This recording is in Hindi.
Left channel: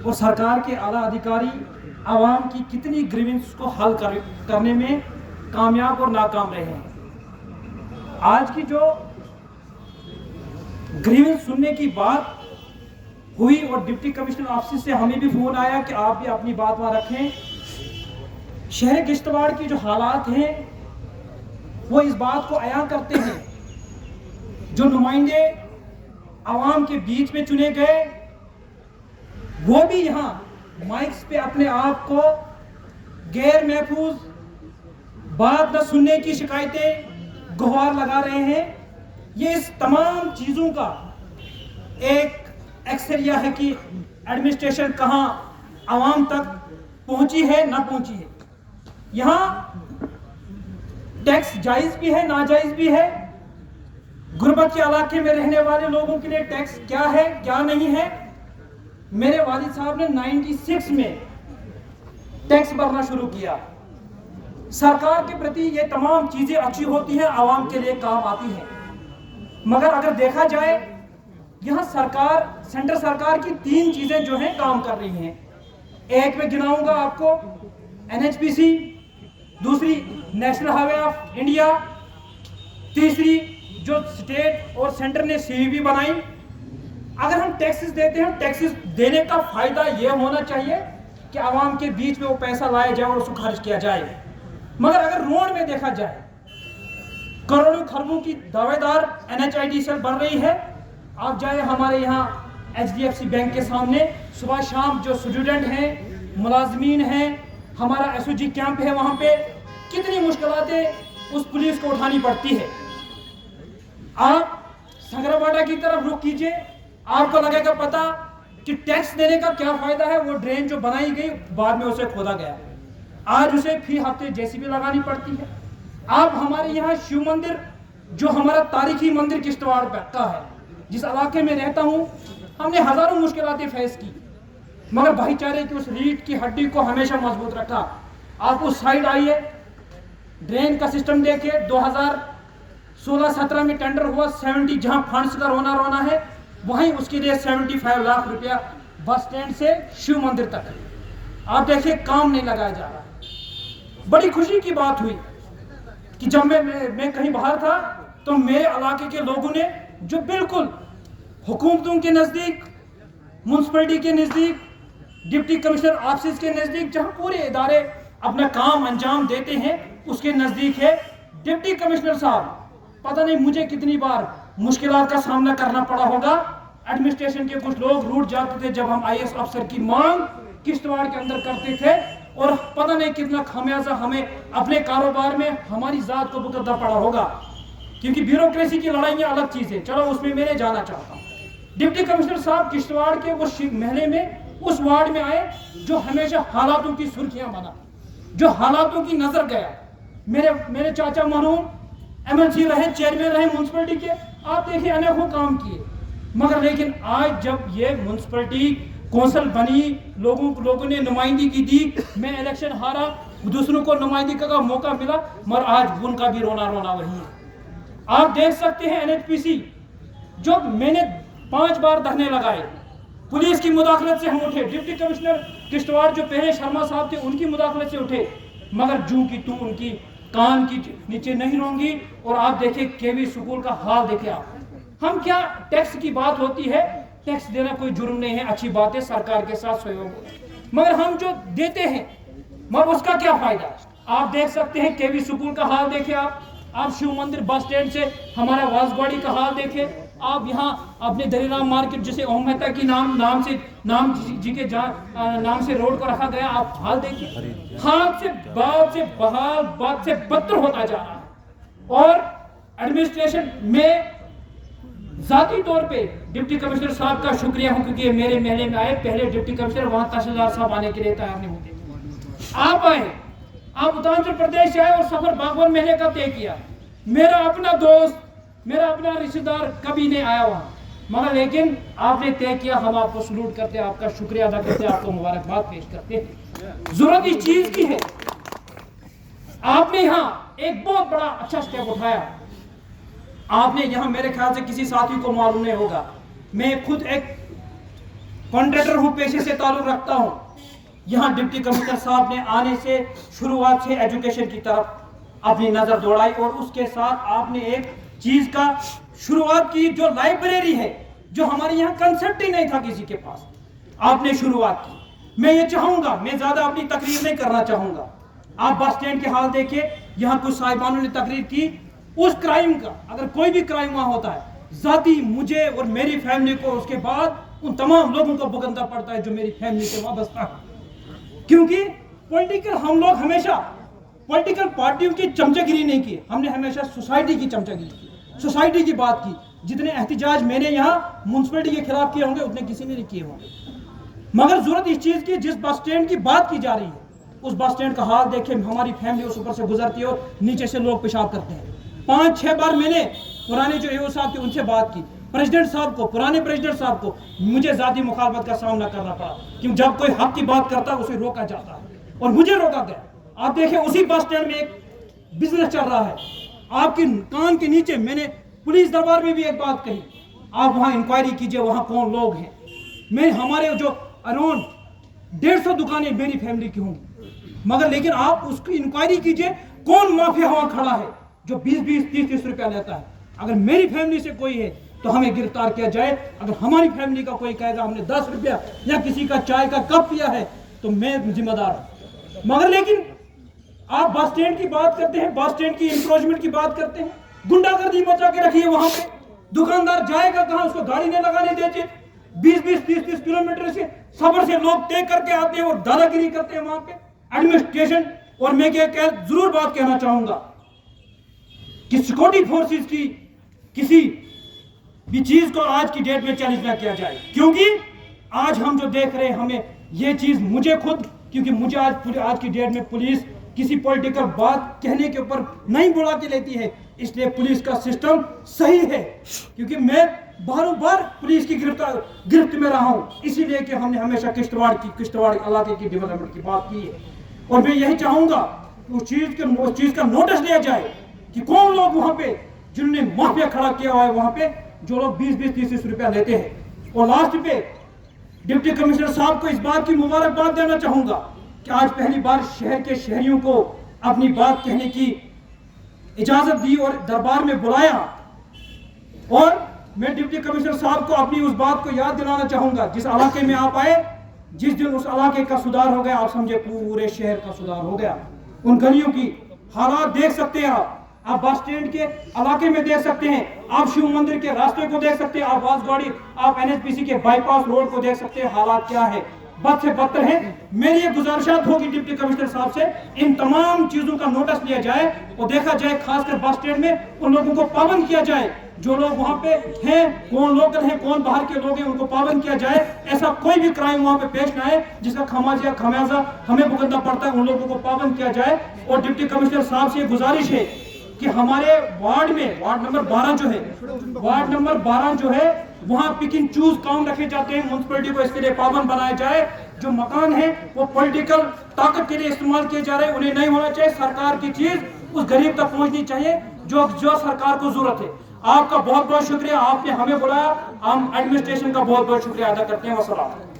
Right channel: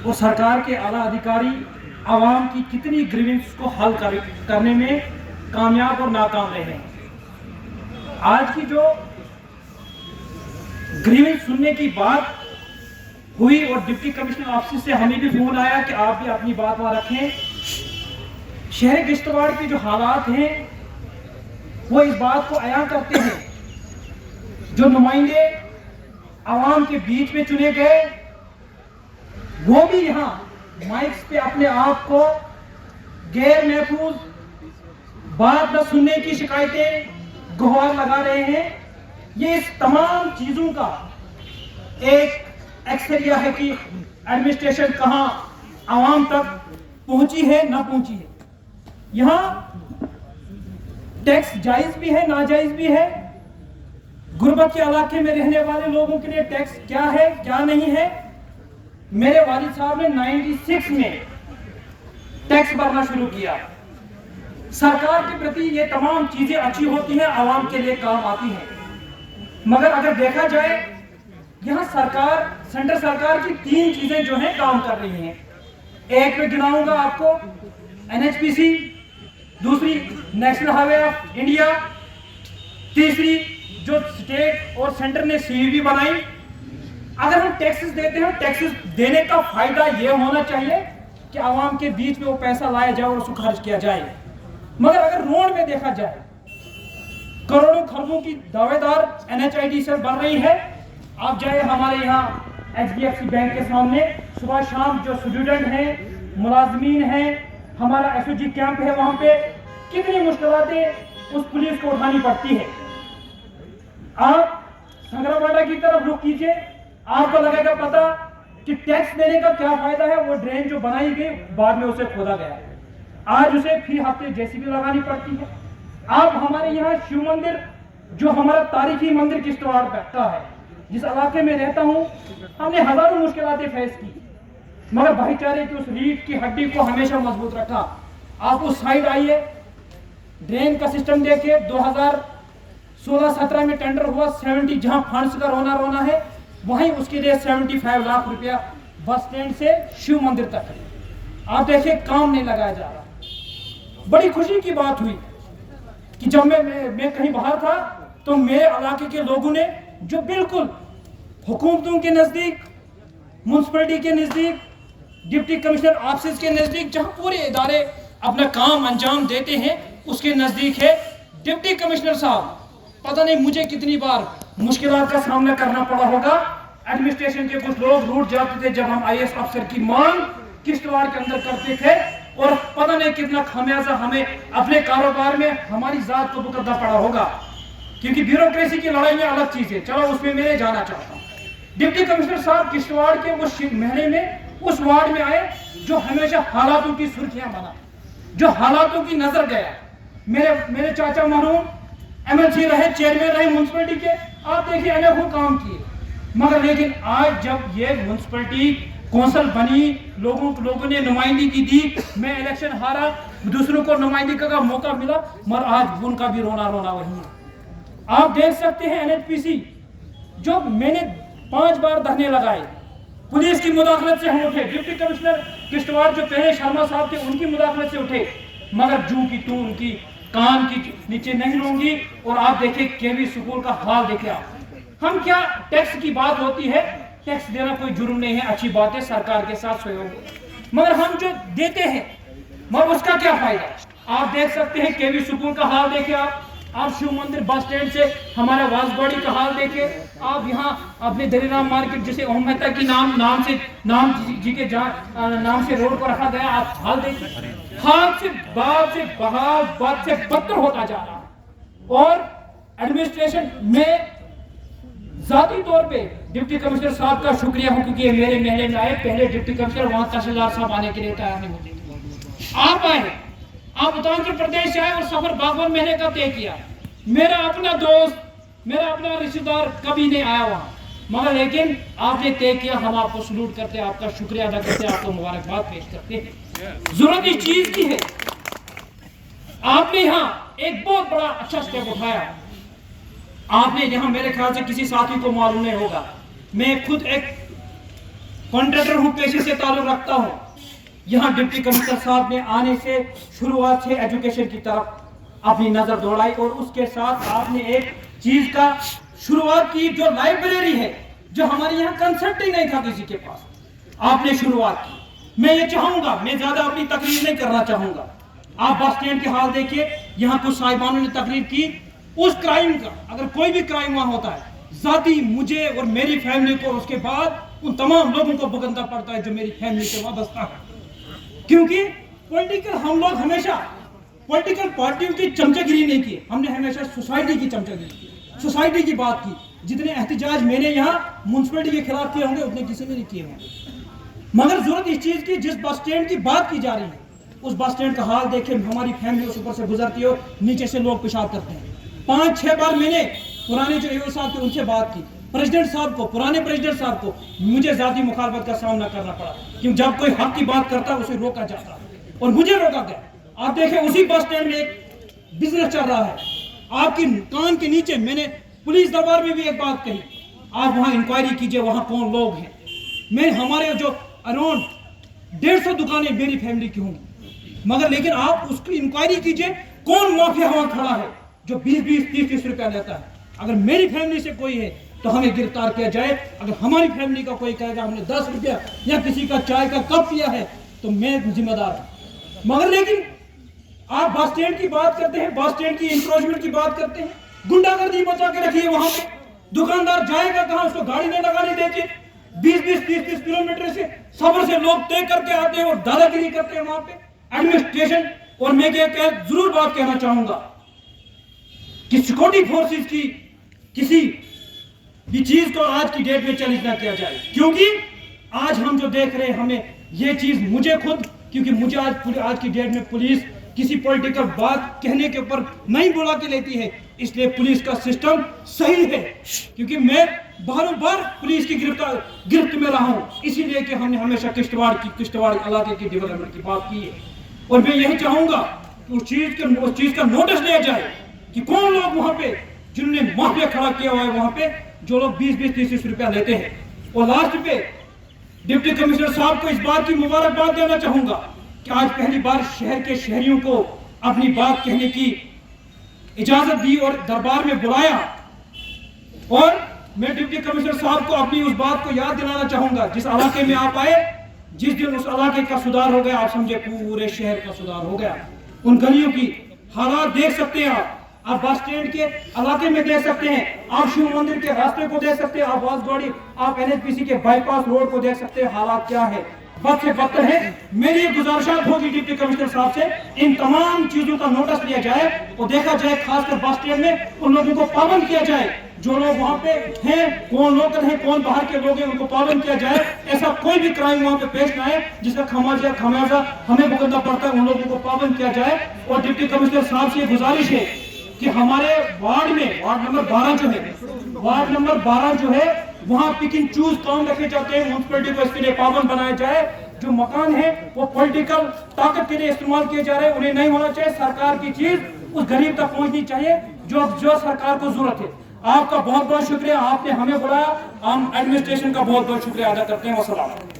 और सरकार के आला अधिकारी आवाम की कितनी ग्रीवेंस को हल करने में कामयाब और नाकाम रहे हैं। आज की जो ग्रीवेंस सुनने की बात हुई और डिप्टी कमिश्नर ऑफिस से हमें भी फोन आया कि आप भी अपनी बात वहां रखें। शहर किश्तवाड़ की जो हालात हैं वो इस बात को अया करते हैं, जो नुमाइंदे आवाम के बीच में चुने गए वो भी यहाँ माइक्स पे अपने आप को गैर महफूज बात न सुनने की शिकायतें गुहार लगा रहे हैं। ये इस तमाम चीजों का एक एक्सरिया है कि एडमिनिस्ट्रेशन कहां आवाम तक पहुंची है ना पहुंची है। यहां टैक्स जायज भी है नाजायज भी है। गुर्बत के इलाके में रहने वाले लोगों के लिए टैक्स क्या है क्या नहीं है। मेरे वालिद साहब ने 96 में टैक्स भरना शुरू किया। सरकार के प्रति ये तमाम चीजें अच्छी होती हैं, आवाम के लिए काम आती हैं, मगर अगर देखा जाए यहां सरकार सेंट्रल सरकार की 3 चीजें जो हैं काम कर रही हैं। एक में गिनाऊंगा आपको NHPC, दूसरी नेशनल हाईवे ऑफ इंडिया, तीसरी जो स्टेट और सेंटर ने CEV बनाई। अगर हम टैक्सेस देते हैं, टैक्सेस देने का फायदा यह होना चाहिए कि आवाम के बीच में वो पैसा लाया जाए और उसको खर्च किया जाए। मगर अगर रोड में देखा जाए करोड़ों खरबों की दावेदार NHID सेल बन रही है। आप जाए हमारे यहाँ HDFC बैंक के सामने सुबह शाम जो स्टूडेंट हैं, मुलाजमीन हैं, हमारा SOG कैंप है, वहां पे कितनी मुश्किलातें उस पुलिस को उठानी पड़ती है। आप संगराबाड़ा की तरफ रुख कीजिए, आपको लगेगा पता कि टैक्स देने का क्या फायदा है। वो ड्रेन जो बनाई गई बाद में उसे खोदा गया, आज उसे फिर हफ्ते JCB लगानी पड़ती है। आप हमारे यहाँ शिव मंदिर जो हमारा तारीखी मंदिर किश्तवाड़ का है, जिस इलाके में रहता हूँ, हमने हजारों मुश्किलातें फेस की, मगर भाईचारे की उस रीढ़ की हड्डी को हमेशा मजबूत रखा। आप उस साइड आइए, ड्रेन का सिस्टम देखिए। 2016-17 में टेंडर हुआ 70, जहां फंड्स का रोना रोना है, वहीं उसके लिए 75 लाख रुपया बस स्टैंड से शिव मंदिर तक है। आप देखिए काम नहीं लगाया जा रहा। बड़ी खुशी की बात हुई कि जब मैं कहीं बाहर था तो मेरे इलाके के लोगों ने जो बिल्कुल हुकूमतों के नजदीक, म्युनिसिपैलिटी के नजदीक, डिप्टी कमिश्नर ऑफिस के नजदीक, जहां पूरे इदारे अपना काम अंजाम देते हैं, उसके नजदीक है डिप्टी कमिश्नर साहब। पता नहीं मुझे कितनी बार मुश्किलात का सामना करना पड़ा होगा। एडमिनिस्ट्रेशन के कुछ लोग रूठ जाते थे जब हम IAS अफसर की मांग किश्तवाड़ के अंदर करते थे, और पता नहीं कितना खामियाजा हमें अपने कारोबार में हमारी जात को भुगतना पड़ा होगा, क्योंकि ब्यूरोक्रेसी की लड़ाइयां अलग चीज है। चलो उसमें मैं जाना चाहता हूँ। डिप्टी कमिश्नर साहब किश्तवाड़ के उस महीने में उस वार्ड में आए जो हमेशा हालातों की सुर्खियां बना, जो हालातों की नजर गया। मेरे चाचा मरहूम MLC रहे, चेयरमैन रहे म्युनिसिपैलिटी के, आप देखिए अनेकों काम किए, मगर लेकिन आज जब ये म्युनिसिपैलिटी कौंसिल बनी, लोगों ने नुमाइंदगी की दी, मैं इलेक्शन हारा, दूसरों को नुमाइंदगी का मौका मिला, मगर आज उनका भी रोना रोना वही है। आप देख सकते हैं NHPC जो मैंने 5 बार धरने लगाए, पुलिस की मुदाखलत से हम उठे। डिप्टी कमिश्नर किश्तवाड़ जो पहले शर्मा साहब थे, उनकी मुदाखलत से उठे, मगर जू की तू उनकी कान की नीचे नहीं होंगी। और आप देखिए KV स्कूल का हाल देखिए आप। हम क्या, टैक्स की बात होती है, टैक्स देना कोई जुर्म नहीं है, अच्छी बात है, सरकार के साथ सहयोग, मगर हम जो देते हैं मगर उसका क्या फायदा। आप देख सकते हैं KV स्कूल का हाल देखिए आप शिव मंदिर बस स्टैंड से हमारा वासगौड़ी का हाल देखिए, आप यहाँ अपने दरीराम मार्केट जिसे ओम मेहता की नाम जी के नाम से रोड को रखा गया, आप हाल देखिए। हाल से बद से बदतर होता जा रहा है। और एडमिनिस्ट्रेशन में जाती तौर पे डिप्टी कमिश्नर साहब का शुक्रिया हूं, क्योंकि मेरे महल में आए। पहले डिप्टी कमिश्नर वहां तहसीलदार साहब आने के लिए तैयार नहीं होते थे, आप आए, आप उत्तर प्रदेश आए और सफर बागवान महीने का तय किया। मेरा अपना दोस्त, मेरा अपना रिश्तेदार कभी नहीं आया वहां, मगर लेकिन आपने तय किया। हम आपको सलूट करते, आपका शुक्रिया अदा करते, आपको मुबारकबाद पेश करते हैं। जरूरत इस चीज की है, आपने यहाँ एक बहुत बड़ा अच्छा स्टेप उठाया। आपने यहाँ, मेरे ख्याल से किसी साथी को मालूम नहीं होगा, मैं खुद एक कॉन्ट्रैक्टर हूँ, पेशे से ताल्लुक रखता हूँ। यहाँ डिप्टी कमिश्नर साहब ने आने से शुरुआत से एजुकेशन की तरफ अपनी नजर दौड़ाई और उसके साथ आपने एक चीज का शुरुआत की, जो लाइब्रेरी है, जो हमारे यहाँ कंसेप्ट ही नहीं था किसी के पास, आपने शुरुआत की। मैं ये चाहूंगा, मैं ज्यादा अपनी तकरीर नहीं करना चाहूंगा, आप बस स्टैंड के हाल देखिए, यहाँ कुछ साहिबानों ने तकरीर की उस क्राइम का, अगर कोई भी क्राइम वहां होता है, जाती मुझे और मेरी फैमिली को उसके बाद उन तमाम लोगों को भुगतना पड़ता है जो मेरी फैमिली से वाबस्ता है। क्योंकि पॉलिटिकल, हम लोग हमेशा पॉलिटिकल पार्टियों की चमचागिरी नहीं की, हमने हमेशा सोसाइटी की चमचागिरी की, सोसाइटी की बात की। जितने एहतजाज मैंने यहाँ म्यूनसिपलिटी के खिलाफ किए होंगे उतने किसी ने नहीं किए होंगे। मगर जरूरत इस चीज की, जिस बस स्टैंड की बात की जा रही है, उस बस स्टैंड का हाल देखें। हमारी फैमिली उस ऊपर से गुजरती है और नीचे से लोग पेशाब करते हैं। 5-6 बार मैंने पुराने जो एओ साहब थे उनसे बात की, प्रेसिडेंट साहब को, पुराने प्रेसिडेंट साहब को, मुझे जाती मुखालफत का सामना करना पड़ा, क्योंकि जब कोई हक की बात करता है उसे रोका जाता है और मुझे रोका गया। आप देखें उसी बस स्टैंड में एक बिजनेस चल रहा है, आपकी कान के नीचे मैंने पुलिस दरबार में भी एक बात कही, आप वहां इंक्वायरी कीजिए वहां कौन लोग हैं। मैं हमारे जो अराउंड 150 दुकानें मेरी फैमिली की होंगी, मगर लेकिन आप उसकी इंक्वायरी कीजिए कौन माफिया वहां खड़ा है जो 20-20, 30-30 रुपया लेता है। अगर मेरी फैमिली से कोई है तो हमें गिरफ्तार किया जाए। अगर हमारी फैमिली का कोई कहेगा हमने 10 रुपया या किसी का चाय का कप पिया है तो मैं जिम्मेदार हूं। मगर लेकिन आप बस स्टैंड की बात करते हैं, बस स्टैंड की इंक्रोचमेंट की बात करते हैं, गुंडागर्दी मचा के रखी है वहां पे। दुकानदार जाएगा कहां, उसको गाड़ी नहीं लगाने देते। 20-20, 30-30 किलोमीटर से सफर से लोग तय करके आते हैं और दादागिरी करते हैं वहां पे एडमिनिस्ट्रेशन। और मैं जरूर बात कहना चाहूंगा कि सिक्योरिटी फोर्सेस की किसी भी चीज को आज की डेट में चैलेंज ना किया जाए, क्योंकि आज हम जो देख रहे हैं, हमें ये चीज, मुझे खुद, क्योंकि मुझे आज की डेट में पुलिस किसी पॉलिटिकल बात कहने के ऊपर नहीं बुला के लेती है, इसलिए पुलिस का सिस्टम सही है। क्योंकि मैं बारों बार पुलिस की गिरफ्त में रहा हूं, इसीलिए कि हमने हमेशा किश्तवाड़ इलाके की डेवलपमेंट की बात की है। और मैं यही चाहूंगा उस चीज का नोटिस लिया जाए कि कौन लोग वहां पे जिन्होंने माफिया खड़ा किया हुआ है वहां पे, जो लोग 20-20, 30-30 रुपया लेते हैं। और लास्ट पे डिप्टी कमिश्नर साहब को इस बात की मुबारकबाद देना चाहूंगा कि आज पहली बार शहर के शहरियों को अपनी बात कहने की इजाजत दी और दरबार में बुलाया। और मैं डिप्टी कमिश्नर साहब को अपनी उस बात को याद दिलाना चाहूंगा, जिस इलाके में आप आए, जिस दिन उस इलाके का सुधार हो गया, आप समझे पूरे शहर का सुधार हो गया। उन गलियों की हालात देख सकते हैं आप बस स्टैंड के इलाके में देख सकते हैं, आप शिव मंदिर के रास्ते को देख सकते हैं, आप वासगाड़ी, आप NHPC के बाईपास रोड को देख सकते हैं, हालात क्या है, बद से बदतर है। मेरी ये गुजारिशात होगी डिप्टी कमिश्नर साहब से, इन तमाम चीजों का नोटिस लिया जाए और देखा जाए, खासकर बस स्टैंड में उन लोगों को पाबंद किया जाए, जो लोग वहां पे हैं, कौन लोकल हैं, कौन बाहर के लोग हैं, उनको पाबंद किया जाए। ऐसा कोई भी क्राइम वहां पे पेश न आए जिसका खमियाजा हमें भुगतना पड़ता है, उन लोगों को पाबंद किया जाए। और डिप्टी कमिश्नर साहब से गुजारिश है कि हमारे वार्ड में, वार्ड नंबर 12 जो है वहां पिक एंड चूज काम रखे जाते हैं, म्यूनसिपलिटी को इसके लिए पाबंद बनाया जाए। जो मकान है वो पॉलिटिकल ताकत के लिए इस्तेमाल किए जा रहे हैं, उन्हें नहीं होना चाहिए। सरकार की चीज उस गरीब तक पहुंचनी चाहिए जो सरकार को जरूरत है। आपका बहुत बहुत शुक्रिया, आपने हमें बुलाया, हम एडमिनिस्ट्रेशन का बहुत बहुत शुक्रिया अदा करते हैं। वसलाम।